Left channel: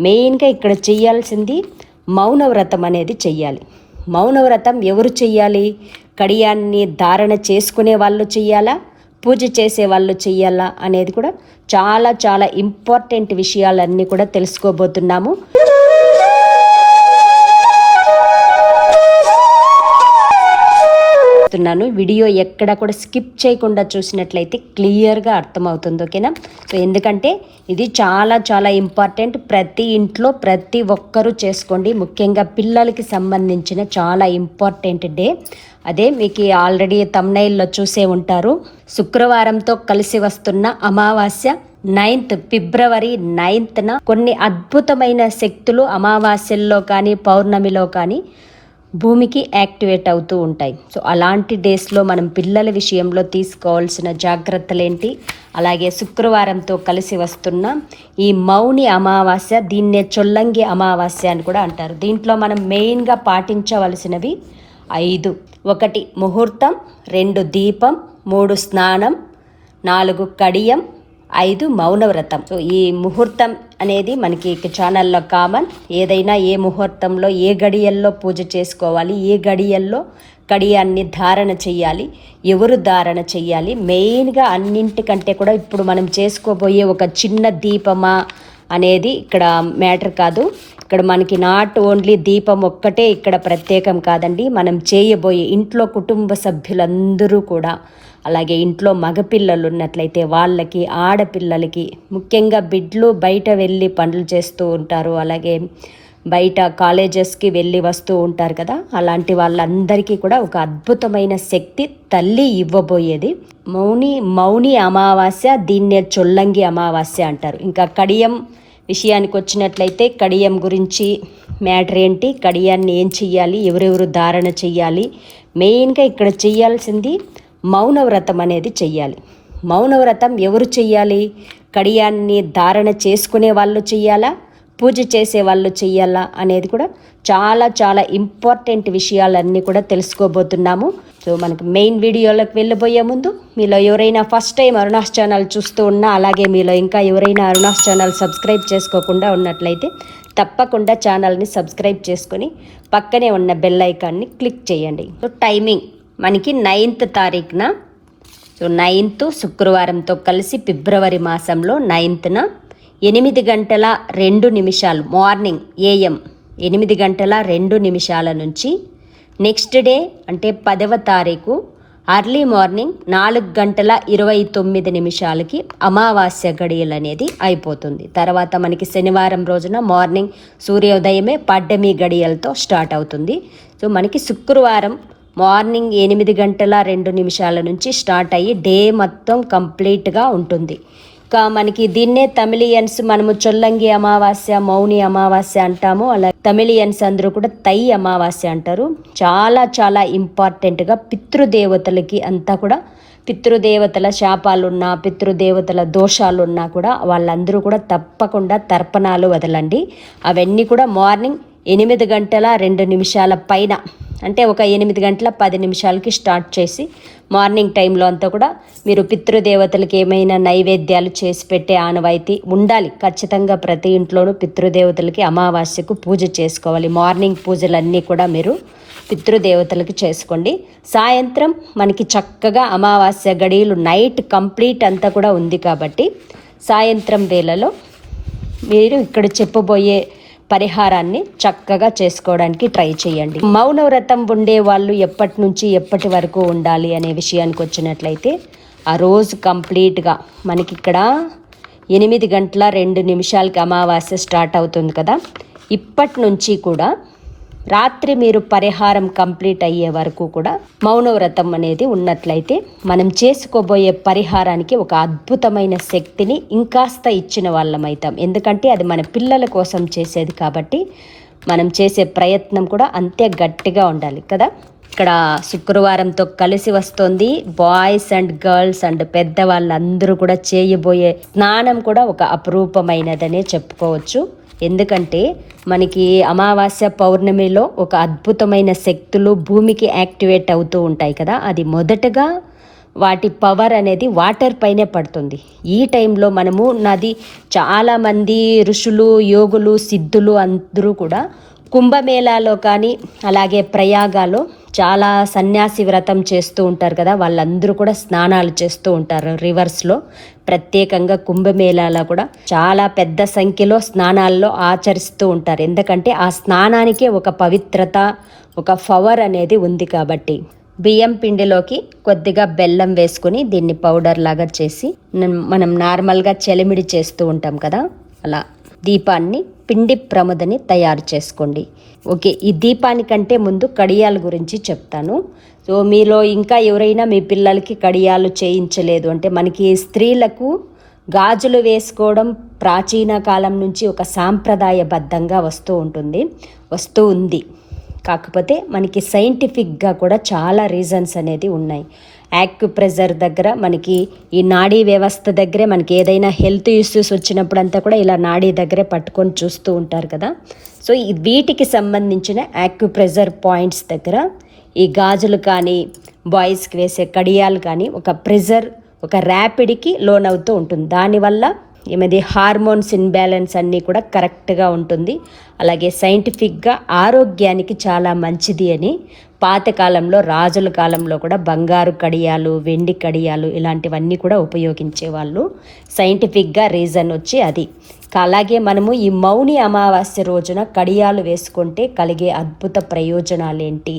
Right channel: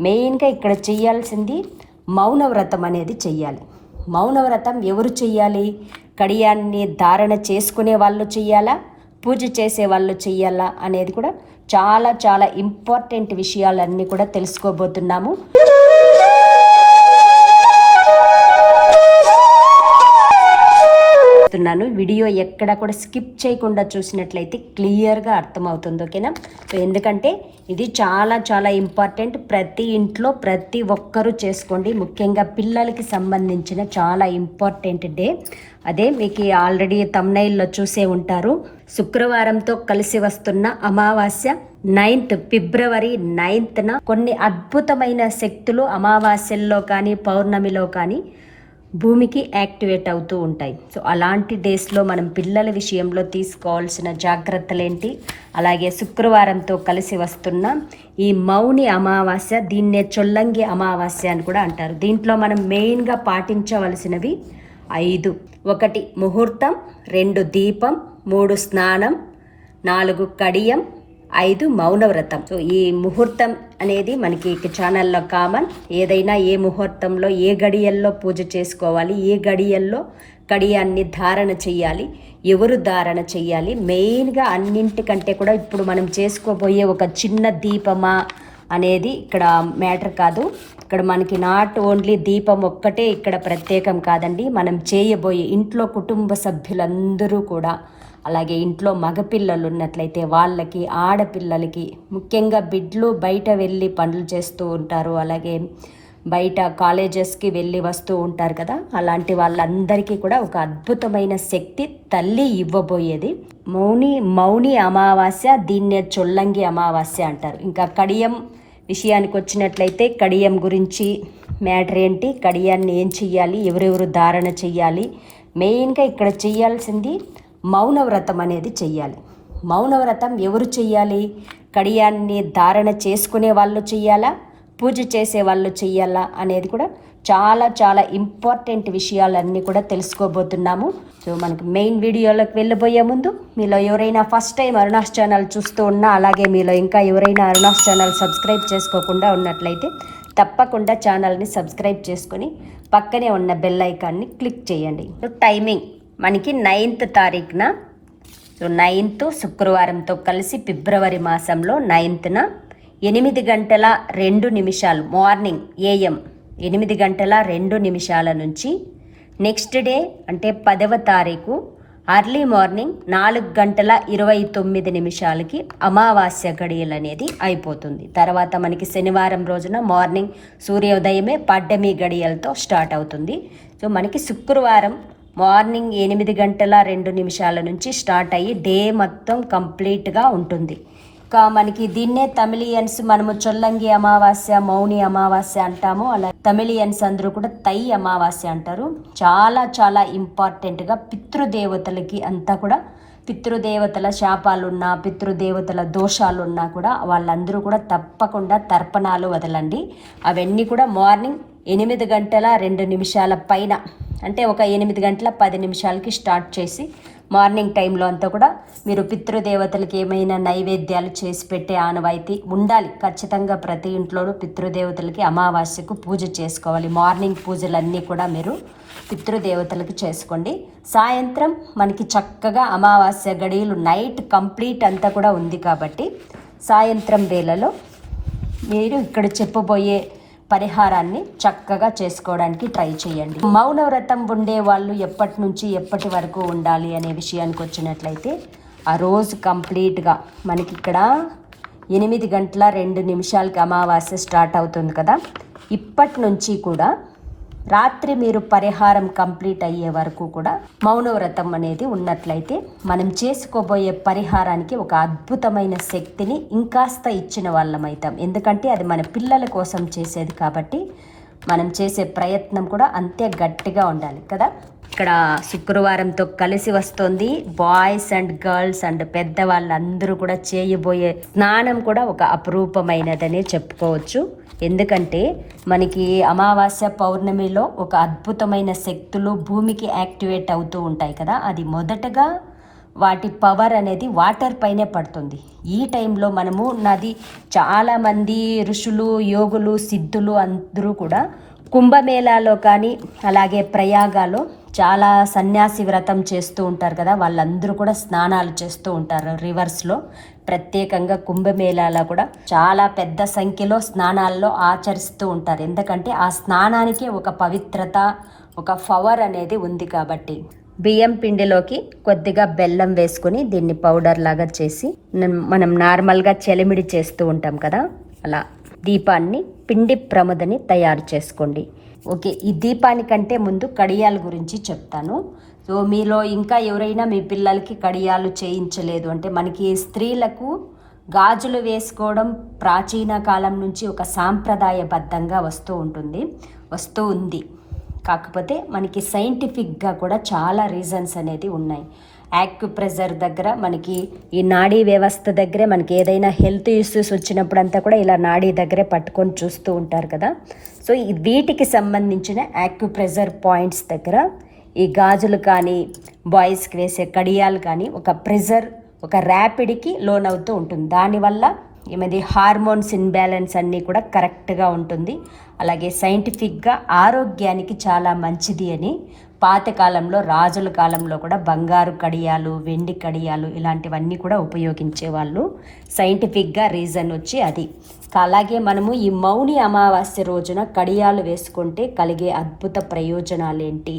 మెయిన్గా ఇక్కడ చేయాల్సింది మౌనవ్రతం అనేది చెయ్యాలి మౌనవ్రతం ఎవరు చెయ్యాలి కడియాన్ని ధారణ చేసుకునే వాళ్ళు చెయ్యాలా పూజ చేసే వాళ్ళు చెయ్యాలా అనేది కూడా చాలా చాలా ఇంపార్టెంట్ విషయాలన్నీ కూడా తెలుసుకోబోతున్నాము. చెప్తున్నాను వీడియో ఎక్కడ కూడా స్కిప్ చేయకుండా చూసినట్లయితే క్లియర్గా అర్థమవుతుంది ఓకేనా? సో ఎందుకంటే ఇది చాలా చాలా ఇంపార్టెంట్. ప్రతి ఇంట్లో ప్రతి ఒక్కరూ చేసుకోండి. ముఖ్యంగా పిల్లలకి సంబంధించిన చాలా ఇంపార్టెంట్ డే. అదే మీకు ఆల్రెడీ తమ్నైల్లో చూసే ఉంటారు. శుక్రవారంతో కలిసి వస్తున్న అమావాస్య నైన్త్ ఫిబ్రవరి నైన్త్న కొన్ని అద్భుతమైన శక్తులు అమావాస్యల్లో కానీ పౌర్ణమిలో కానీ భూమికి యాక్టివేట్ అవుతూ ఉంటాయి. సో అలాంటి డేస్లో మనం పిల్లల విషయంలో తీసుకోవాల్సిన జాగ్రత్తలు ఏంటి అలాగే శుక్రవారంతో కలిసి వస్తున్న ఈ మౌని అమావాస్య దీన్నే చొల్లంగి అమావాస్య అని కూడా అంటారు. దీంట్లో మనం మెయిన్గా పాటించవలసినవి ఐదు. ఒకటి ముహూర్తం రెండు దీపం మూడు స్నానం నాలుగు కడియం ఐదు మౌనవ్రతం. సో ఈ ముహూర్తం అనేది మనకి ఛానల్లో కామన్. ఏదైనా ఏ ముహూర్తంలో ఏ గడియల్లో పూజ చేసుకోవాలి ఏ గడియల్లో కడియాన్ని ధారణ చేయాలి ఎవరు ధారణ చేయాలి మెయిన్గా అన్నింటికంటే కూడా ఇప్పుడు మనం చేసుకోబోయే ఒక చిన్న దీపమా అనేది ఇక్కడ మ్యాటర్ కాదు. ఇక్కడ మనకి నాట్ ఓన్లీ దీపం ఒక్కటే ఇక్కడ ప్రత్యేకం కాదండి. మనం చేయబోయే ఇంట్లో కుటుంబ సభ్యులందరూ కూడా అలాగే ఇంట్లో మగపిల్లలు ఉన్నట్లయితే వాళ్ళకి ఆడపిల్లలకి ముఖ్యంగా బిడ్లు బయట వెళ్ళి పనులు చేస్తూ ఉంటారు. అలాగే బయట కాలేజెస్కి వెళ్ళి వస్తూ ఉంటారు కదా. అలాంటి వాళ్ళందరికీ కూడా ఒక అద్భుతమైన శక్తి తల్లి ఇవ్వబోయేది. మౌని మౌని అమావాస్య దీన్నే చొల్లంగి అమావాస్య అంటారు. ఇంకా కడియం విషయానికి వచ్చినట్లయితే కడియం గురించి మ్యాటర్ ఏంటి? కడియాన్ని ఏం చెయ్యాలి? ఎవరెవరు ధారణ చెయ్యాలి? మెయిన్గా ఇక్కడ చేయాల్సింది మౌనవ్రతం అనేది చెయ్యాలి. మౌనవ్రతం ఎవరు చెయ్యాలి? కడియాన్ని ధారణ చేసుకునే వాళ్ళు చెయ్యాలా? పూజ చేసే వాళ్ళు చెయ్యాలా? అనేది కూడా చాలా చాలా ఇంపార్టెంట్ విషయాలన్నీ కూడా తెలుసుకోబోతున్నాము. సో మనకు మెయిన్ వీడియోలోకి వెళ్ళిపోయే ముందు మీలో ఎవరైనా ఫస్ట్ టైం అరుణాస్ ఛానల్ చూస్తూ ఉన్నా అలాగే మీలో ఇంకా ఎవరైనా అరుణాస్ ఛానల్ సబ్స్క్రైబ్ చేసుకోకుండా ఉన్నట్లయితే తప్పకుండా ఛానల్ని సబ్స్క్రైబ్ చేసుకొని పక్కనే ఉన్న బెల్ ఐకాన్ని క్లిక్ చేయండి. So timing. మనకి నైన్త్ తారీఖున సో నైన్త్ శుక్రవారంతో కలిసి ఫిబ్రవరి మాసంలో నైన్త్న ఎనిమిది గంటల రెండు నిమిషాలు మార్నింగ్ ఏఎం ఎనిమిది గంటల రెండు నిమిషాల నుంచి నెక్స్ట్ డే అంటే పదవ తారీఖు అర్లీ మార్నింగ్ నాలుగు గంటల ఇరవై తొమ్మిది నిమిషాలకి అమావాస్య గడియలు అనేది అయిపోతుంది. తర్వాత మనకి శనివారం రోజున మార్నింగ్ సూర్యోదయమే పడ్డమి గడియలతో స్టార్ట్ అవుతుంది. సో మనకి శుక్రవారం మార్నింగ్ ఎనిమిది గంటల రెండు నిమిషాల నుంచి స్టార్ట్ అయ్యి డే మొత్తం కంప్లీట్గా ఉంటుంది. ఇంకా మనకి దీన్నే తమిళియన్స్ మనము చొల్లంగి అమావాస్య మౌని అమావాస్య అంటాము. అలా తమిళియన్స్ అందరూ కూడా తై అమావాస్య అంటారు. చాలా చాలా ఇంపార్టెంట్గా పితృదేవతలకి అంతా కూడా పితృదేవతల శాపాలున్నా పితృదేవతల దోషాలున్నా కూడా వాళ్ళందరూ కూడా తప్పకుండా తర్పణాలు వదలండి. అవన్నీ కూడా మార్నింగ్ ఎనిమిది గంటల రెండు నిమిషాల పైన అంటే ఒక ఎనిమిది గంటల పది నిమిషాలకి స్టార్ట్ చేసి మార్నింగ్ టైంలో అంతా కూడా మీరు పితృదేవతలకు ఏమైనా నైవేద్యాలు చేసి పెట్టే ఆనవాయితీ ఉండాలి. ఖచ్చితంగా ప్రతి ఇంట్లోనూ పితృదేవతలకి అమావాస్యకు పూజ చేసుకోవాలి. మార్నింగ్ పూజలన్నీ కూడా మీరు పితృదేవతలకి చేసుకోండి. సాయంత్రం మనకి చక్కగా అమావాస్య గడియలు నైట్ కంప్లీట్ అంతా కూడా ఉంది కాబట్టి సాయంత్రం వేళలో మీరు ఇక్కడ చెప్పబోయే పరిహారాన్ని చక్కగా చేసుకోవడానికి ట్రై చేయండి. మౌనవ్రతం ఉండే వాళ్ళు ఎప్పటి నుంచి ఎప్పటి వరకు ఉండాలి అనే విషయానికి వచ్చినట్లయితే ఆ రోజు కంప్లీట్గా మనకి ఇక్కడ ఎనిమిది గంటల రెండు నిమిషాలకి అమావాస్య స్టార్ట్ అవుతుంది కదా. ఇప్పటి నుంచి కూడా రాత్రి మీరు పరిహారం కంప్లీట్ అయ్యే వరకు కూడా మౌనవ్రతం అనేది ఉన్నట్లయితే మనం చేసుకోబోయే పరిహారానికి ఒక అద్భుతమైన శక్తిని ఇంకాస్త ఇచ్చిన వాళ్ళం అవుతాం ఎందుకంటే అది మన పిల్లల కోసం చేసేది కాబట్టి మనం చేసే ప్రయత్నం కూడా అంతే గట్టిగా ఉండాలి కదా? ఇక్కడ శుక్రవారంతో కలిసి వస్తుంది. బాయ్స్ అండ్ గర్ల్స్ అండ్ పెద్దవాళ్ళందరూ కూడా చేయబోయే స్నానం కూడా ఒక అపురూపమైనదనే చెప్పుకోవచ్చు. ఎందుకంటే మనకి అమావాస్య పౌర్ణమిలో ఒక అద్భుతమైన శక్తులు భూమికి యాక్టివేట్ అవుతూ ఉంటాయి కదా. అది మొదటగా వాటి పవర్ అనేది వాటర్ పైనే పడుతుంది. ఈ టైంలో మనము నది చాలామంది ఋషులు యోగులు సిద్ధులు అందరూ కూడా కుంభమేళాలో కానీ అలాగే ప్రయాగాలో చాలా సన్యాసి వ్రతం చేస్తూ ఉంటారు కదా. వాళ్ళందరూ కూడా స్నానాలు చేస్తూ ఉంటారు రివర్స్లో. ప్రత్యేకంగా కుంభమేళాలో కూడా చాలా పెద్ద సంఖ్యలో స్నానాల్లో ఆచరిస్తూ ఉంటారు. ఎందుకంటే ఆ స్నానానికే ఒక పవిత్రత ఒక పవర్ అనేది ఉంది కాబట్టి. బియ్యం పిండిలోకి కొద్దిగా బెల్లం వేసుకుని దీన్ని పౌడర్ లాగా చేసి మనం- మనం నార్మల్గా చెలిమిడి చేస్తూ ఉంటాం కదా. అలా దీపాన్ని పిండి ప్రమదని తయారు చేసుకోండి. ఓకే ఈ దీపానికంటే ముందు కడియాల గురించి చెప్తాను. సో మీలో ఇంకా ఎవరైనా మీ పిల్లలకి కడియాలు చేయించలేదు అంటే మనకి స్త్రీలకు గాజులు వేసుకోవడం ప్రాచీన కాలం నుంచి ఒక సాంప్రదాయబద్ధంగా వస్తూ ఉంటుంది వస్తూ ఉంది. కాకపోతే మనకి సైంటిఫిక్గా కూడా చాలా రీజన్స్ అనేది ఉన్నాయి. యాక్యుప్రెజర్ దగ్గర మనకి ఈ నాడీ వ్యవస్థ దగ్గరే మనకి ఏదైనా హెల్త్ ఇష్యూస్ వచ్చినప్పుడంతా కూడా ఇలా నాడీ దగ్గరే పట్టుకొని చూస్తూ ఉంటారు కదా. సో ఈ వీటికి సంబంధించిన యాక్యుప్రెజర్ పాయింట్స్ దగ్గర ఈ గాజులు కానీ బాయ్స్కి వేసే కడియాలు కానీ ఒక ప్రెజర్ ఒక ర్యాపిడ్కి లోన్ అవుతూ ఉంటుంది. దానివల్ల ఏమది హార్మోన్స్ ఇన్బ్యాలెన్స్ అన్నీ కూడా కరెక్ట్గా ఉంటుంది. అలాగే సైంటిఫిక్గా ఆరోగ్యానికి చాలా మంచిది అని పాతకాలంలో రాజుల కాలంలో కూడా బంగారు కడియాలు వెండి కడియాలు ఇలాంటివన్నీ కూడా ఉపయోగించేవాళ్ళు. సైంటిఫిక్గా రీజన్ వచ్చి అది. అలాగే మనము ఈ మౌని అమావాస్య రోజున కడియాలు వేసుకుంటే కలిగే అద్భుత ప్రయోజనాలు ఏంటి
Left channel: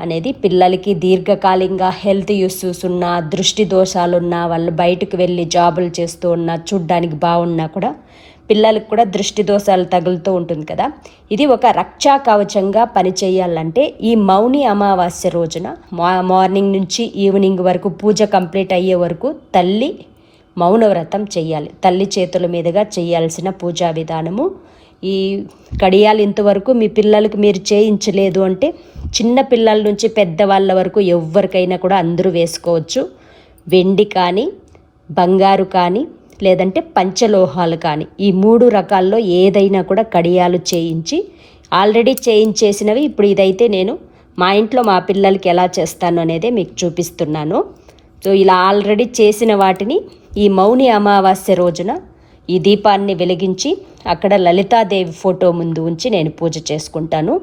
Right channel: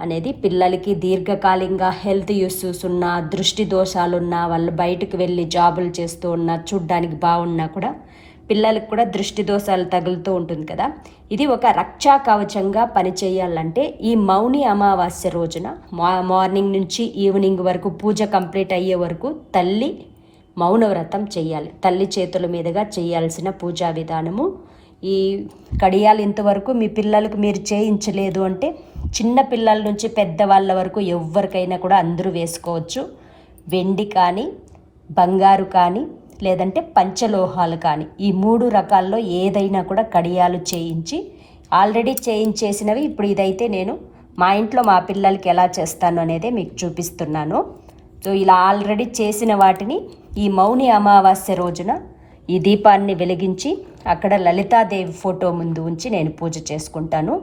అనేది పిల్లలకి దీర్ఘకాలికంగా హెల్త్ ఇష్యూస్ ఉన్న దృష్టి దోషాలున్నా వాళ్ళు బయటకు వెళ్ళి జాబులు చేస్తూ ఉన్నా చూడ్డానికి బాగున్నా కూడా పిల్లలకు కూడా దృష్టి దోషాలు తగులుతూ ఉంటుంది కదా. ఇది ఒక రక్షా కవచంగా పనిచేయాలంటే ఈ మౌని అమావాస్య రోజున మా మార్నింగ్ నుంచి ఈవినింగ్ వరకు పూజ కంప్లీట్ అయ్యే వరకు తల్లి మౌనవ్రతం చేయాలి. తల్లి చేతుల మీదుగా చేయాల్సిన పూజా విధానము. ఈ కడియాలు ఇంతవరకు మీ పిల్లలకు మీరు చేయించలేదు అంటే చిన్న పిల్లల నుంచి పెద్దవాళ్ళ వరకు ఎవరికైనా కూడా అందరూ వేసుకోవచ్చు. వెండి కానీ బంగారు కానీ లేదంటే పంచలోహాలు కానీ ఈ మూడు రకాల్లో ఏదైనా కూడా కడియాలు చేయించి ఆల్రెడీ చేయించేసినవి ఇప్పుడు ఇదైతే నేను మా ఇంట్లో మా పిల్లలకి ఎలా చేస్తాను అనేది మీకు చూపిస్తున్నాను. సో ఇలా ఆల్రెడీ చేసిన వాటిని ఈ మౌని అమావాస్య రోజున ఈ దీపాన్ని వెలిగించి అక్కడ లలితాదేవి ఫోటో ముందు ఉంచి నేను పూజ చేసుకుంటాను.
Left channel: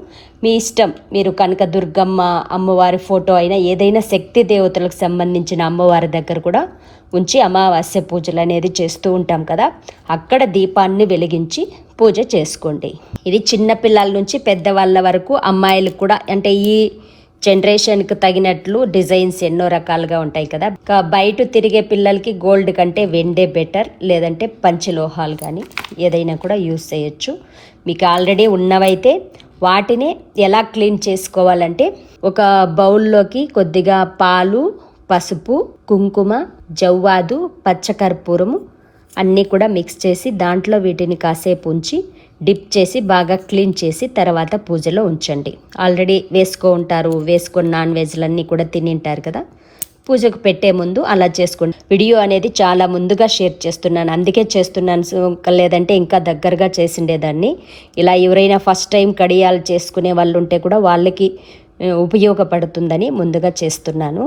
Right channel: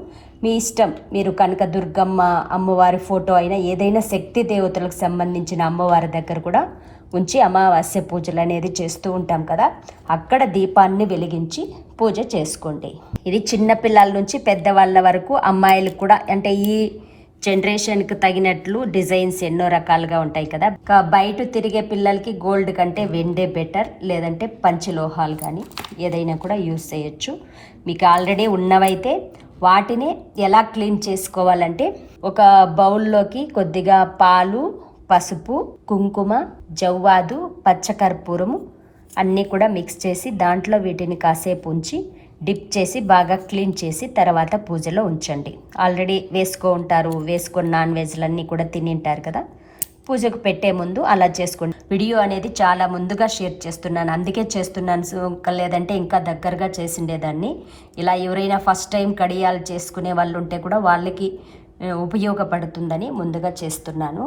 మీ ఇష్టం మీరు కనుక దుర్గమ్మ అమ్మవారి ఫోటో అయినా ఏదైనా శక్తి దేవతలకు సంబంధించిన అమ్మవారి దగ్గర కూడా ఉంచి అమావాస్య పూజలు అనేది చేస్తూ ఉంటాం కదా. అక్కడ దీపాన్ని వెలిగించి పూజ చేసుకోండి. ఇది చిన్నపిల్లల నుంచి పెద్దవాళ్ళ వరకు అమ్మాయిలకు కూడా అంటే ఈ జనరేషన్కి తగినట్లు డిజైన్స్ ఎన్నో రకాలుగా ఉంటాయి కదా. బయట తిరిగే పిల్లలకి గోల్డ్ కంటే వెండే బెటర్ లేదంటే పంచలోహాలు కానీ ఏదైనా కూడా యూస్ చేయొచ్చు. మీకు ఆల్రెడీ ఉన్నవైతే వాటిని ఎలా క్లీన్ చేసుకోవాలంటే ఒక బౌల్లోకి కొద్దిగా పాలు పసుపు కుంకుమ జవ్వాదు పచ్చకర్పూరము అన్నీ కూడా మిక్స్ చేసి దాంట్లో వీటిని కాసేపు ఉంచి డిప్ చేసి బాగా క్లీన్ చేసి తర్వాత పూజలో ఉంచండి. ఆల్రెడీ వేసుకో ఉంటారు వేసుకొని నాన్ వెజ్లన్నీ కూడా తినింటారు కదా. పూజకు పెట్టే ముందు అలా చేసుకోండి. వీడియో అనేది చాలా ముందుగా షేర్ చేస్తున్నాను. అందుకే చేస్తున్నాను. సో లేదంటే ఇంకా దగ్గరగా చేసిండేదాన్ని. ఇలా ఎవరైనా ఫస్ట్ టైం కడియాలు చేసుకునే వాళ్ళు ఉంటే కూడా వాళ్ళకి ఉపయోగపడుతుందని ముందుగా చేస్తున్నాను.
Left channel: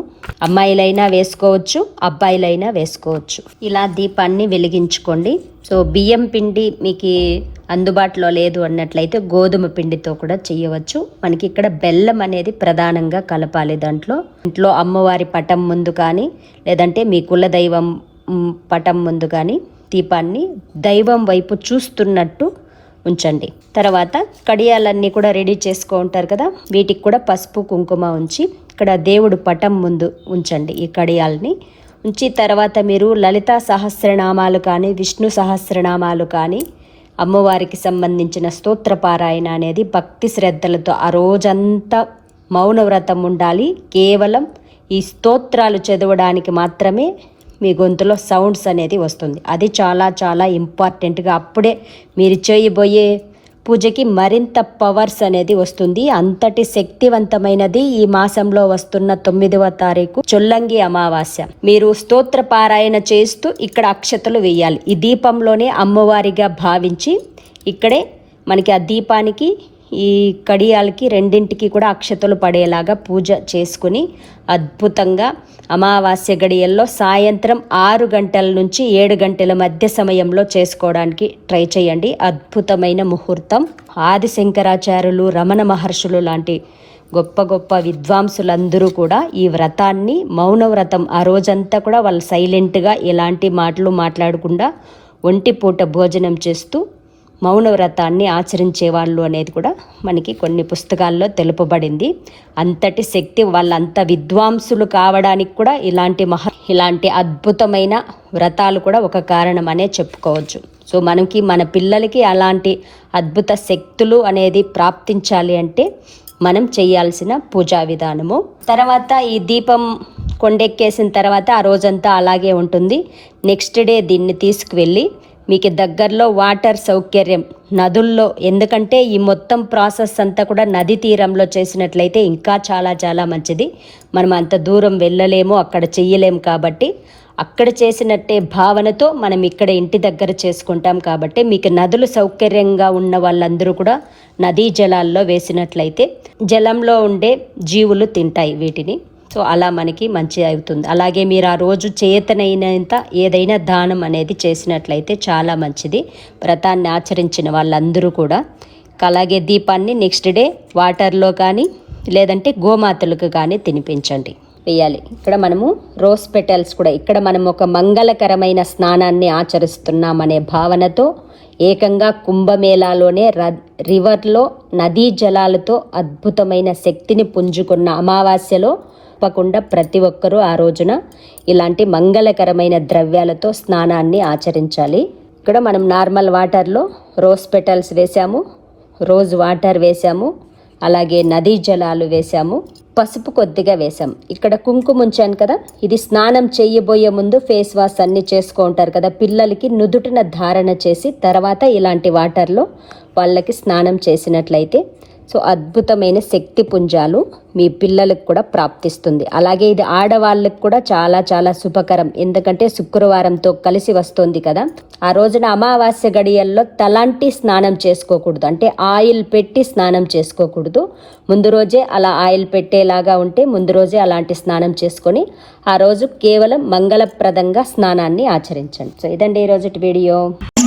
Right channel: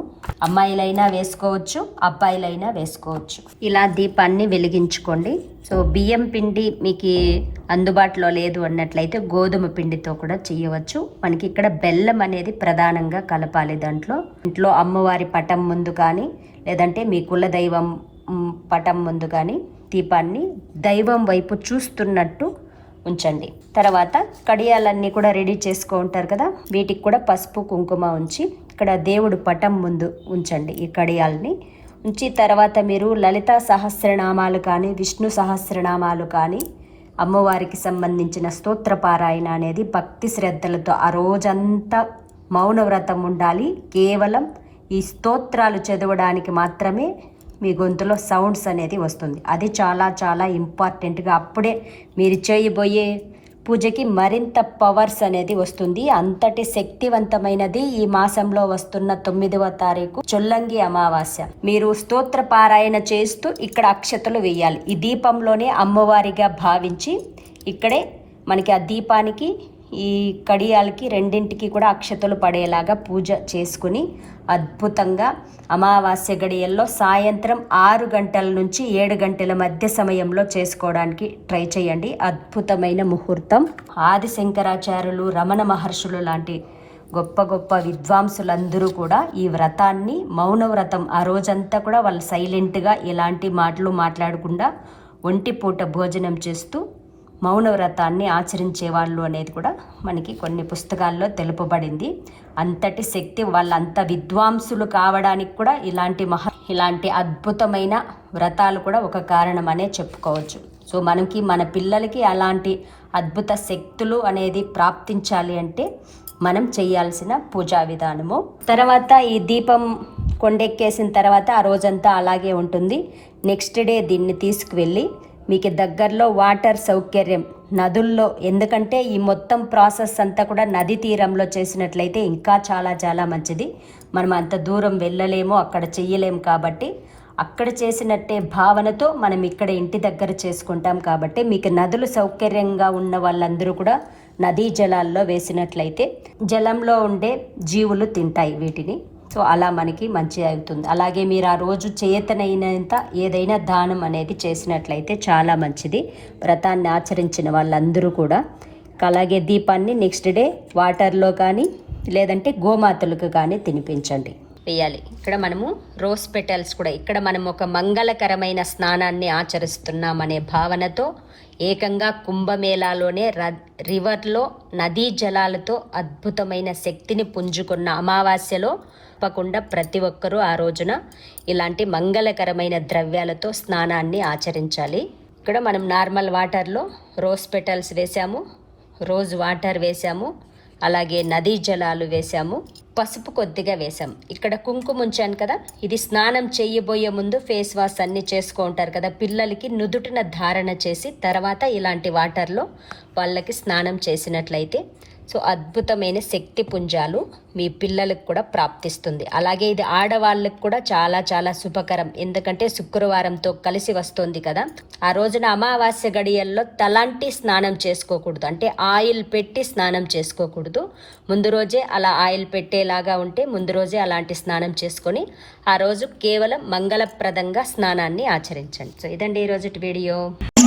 అమ్మాయిలైనా వేసుకోవచ్చు అబ్బాయిలైనా వేసుకోవచ్చు. ఇలా దీపాన్ని వెలిగించుకోండి. సో బియ్యం పిండి మీకు అందుబాటులో లేదు అన్నట్లయితే గోధుమ పిండితో కూడా చేయవచ్చు. మనకి ఇక్కడ బెల్లం అనేది ప్రధానంగా కలపాలి దాంట్లో. ఇంట్లో అమ్మవారి పటం ముందు కానీ లేదంటే మీ కుల దైవం పటం ముందు కానీ దీపాన్ని దైవం వైపు చూస్తున్నట్టు ఉంచండి. తర్వాత కడియాలన్నీ కూడా రెడీ చేసుకో ఉంటారు కదా వీటికి కూడా పసుపు కుంకుమ ఉంచి ఇక్కడ దేవుడు పటం ముందు ఉంచండి ఈ కడియాల్ని. ఉంచి తర్వాత మీరు లలితా సహస్రనామాలు కానీ విష్ణు సహస్రనామాలు కానీ అమ్మవారికి సంబంధించిన స్తోత్ర పారాయణ అనేది భక్తి శ్రద్ధలతో ఆ రోజంతా మౌనవ్రతం ఉండాలి. కేవలం ఈ స్తోత్రాలు చదవడానికి మాత్రమే మీ గొంతులో సౌండ్స్ అనేది వస్తుంది. అది చాలా చాలా ఇంపార్టెంట్గా అప్పుడే మీరు చేయబోయే పూజకి మరింత పవర్స్ అనేది వస్తుంది. అంతటి శక్తివంతమైనది ఈ మాసంలో వస్తున్న తొమ్మిదవ తారీఖు చొల్లంగి అమావాస్య. మీరు స్తోత్ర పారాయణ చేస్తూ ఇక్కడ అక్షతలు వేయాలి. ఈ దీపంలోనే అమ్మవారిగా భావించి ఇక్కడే మనకి ఆ దీపానికి ఈ కడియాలకి రెండింటికి కూడా అక్షతలు పడేలాగా పూజ చేసుకుని అద్భుతంగా అమావాస్య గడియల్లో సాయంత్రం ఆరు గంటల నుంచి ఏడు గంటల మధ్య సమయంలో చేసుకోవడానికి ట్రై చేయండి. అద్భుతమైన ముహూర్తం. ఆది శంకరాచార్యులు రమణ మహర్షులు లాంటి గొప్ప గొప్ప విద్వాంసులందరూ కూడా ఈ వ్రతాన్ని మౌన వ్రతం ఆ రోజంతా కూడా వాళ్ళు సైలెంట్గా ఎలాంటి మాటలు మాట్లాడకుండా ఒంటిపూట భోజనం చేస్తూ మౌన వ్రతాన్ని ఆచరించే వాళ్ళు అనేది కూడా మనకి కొన్ని పుస్తకాల్లో తెలుపబడింది. అంతటి శక్తి వాళ్ళంత విద్వాంసులు కావడానికి కూడా ఇలాంటి మహా ఇలాంటి అద్భుతమైన వ్రతాలు కూడా ఒక కారణం అనే చెప్పుకోవచ్చు. సో మనకి మన పిల్లలకి అలాంటి అద్భుత శక్తులు అనేది ప్రాప్తించాలి అంటే మనం చేయాల్సిన పూజా విధానము. తర్వాత ఈ దీపం కొండెక్కేసిన తర్వాత ఆ రోజంతా అలాగే ఉంటుంది. నెక్స్ట్ డే దీన్ని తీసుకువెళ్ళి మీకు దగ్గరలో వాటర్ సౌకర్యం నదుల్లో. ఎందుకంటే ఈ మొత్తం ప్రాసెస్ అంతా కూడా నది తీరంలో చేసినట్లయితే ఇంకా చాలా చాలా మంచిది. మనం అంత దూరం వెళ్ళలేము అక్కడ చెయ్యలేము కాబట్టి. అక్కడ చేసినట్టే భావనతో మనం ఇక్కడ ఇంటి దగ్గర చేసుకుంటాం కాబట్టి మీకు నదులు సౌకర్యంగా ఉన్న వాళ్ళందరూ కూడా నదీ జలాల్లో వేసినట్లయితే జలంలో ఉండే జీవులు తింటాయి వీటిని. సో అలా మనకి మంచి అవుతుంది. అలాగే మీరు ఆ రోజు చేతనైనంత ఏదైనా దానం అనేది చేసినట్లయితే చాలా మంచిది. వ్రతాన్ని ఆచరించిన వాళ్ళందరూ కూడా. అలాగే దీపాన్ని నెక్స్ట్ డే వాటర్లో కానీ లేదంటే గోమాతలకు కానీ తినిపించండి. వేయాలి. ఇక్కడ మనము రోజ్ పెటల్స్ కూడా. ఇక్కడ మనం ఒక మంగళకరమైన స్నానాన్ని ఆచరిస్తున్నామనే భావనతో ఏకంగా కుంభమేళాలోనే ర రివర్లో నదీ జలాలతో అద్భుతమైన శక్తిని పుంజుకున్న అమావాస్యలో తప్పకుండా ప్రతి ఒక్కరూ ఆ రోజున ఇలాంటి మంగళకరమైన ద్రవ్యాలతో స్నానాన్ని ఆచరించాలి. ఇక్కడ మనం నార్మల్ వాటర్లో రోజ్ పెటల్స్ వేసాము రోజ్ వాటర్ వేసాము అలాగే నదీ జలాలు వేసాము పసుపు కొద్దిగా వేసాం ఇక్కడ కుంకుమ ఉంచాను కదా ఇది స్నానం చేయబోయే ముందు ఫేస్ వాష్ అన్నీ చేసుకుంటారు కదా పిల్లలకి నుదుటిన ధారణ చేసి తర్వాత ఇలాంటి వాటర్లో వాళ్ళకి స్నానం చేసినట్లయితే సో అద్భుతమైన శక్తి పుంజాలు మీ పిల్లలకు కూడా ప్రాప్తిస్తుంది. అలాగే ఇది ఆడవాళ్ళకి కూడా చాలా చాలా శుభకరం. ఎందుకంటే శుక్రవారంతో కలిసి వస్తుంది కదా. ఆ రోజున అమావాస్య గడియల్లో తలాంటి స్నానం చేసుకోకూడదు. అంటే ఆయిల్ పెట్టి స్నానం చేసుకోకూడదు. ముందు రోజే అలా ఆయిల్ పెట్టేలాగా ఉంటే ముందు రోజే అలాంటి స్నానం చేసుకొని ఆ రోజు కేవలం మంగళప్రదంగా స్నానాన్ని ఆచరించండి. సో ఇదండి ఈరోజు వీడియో.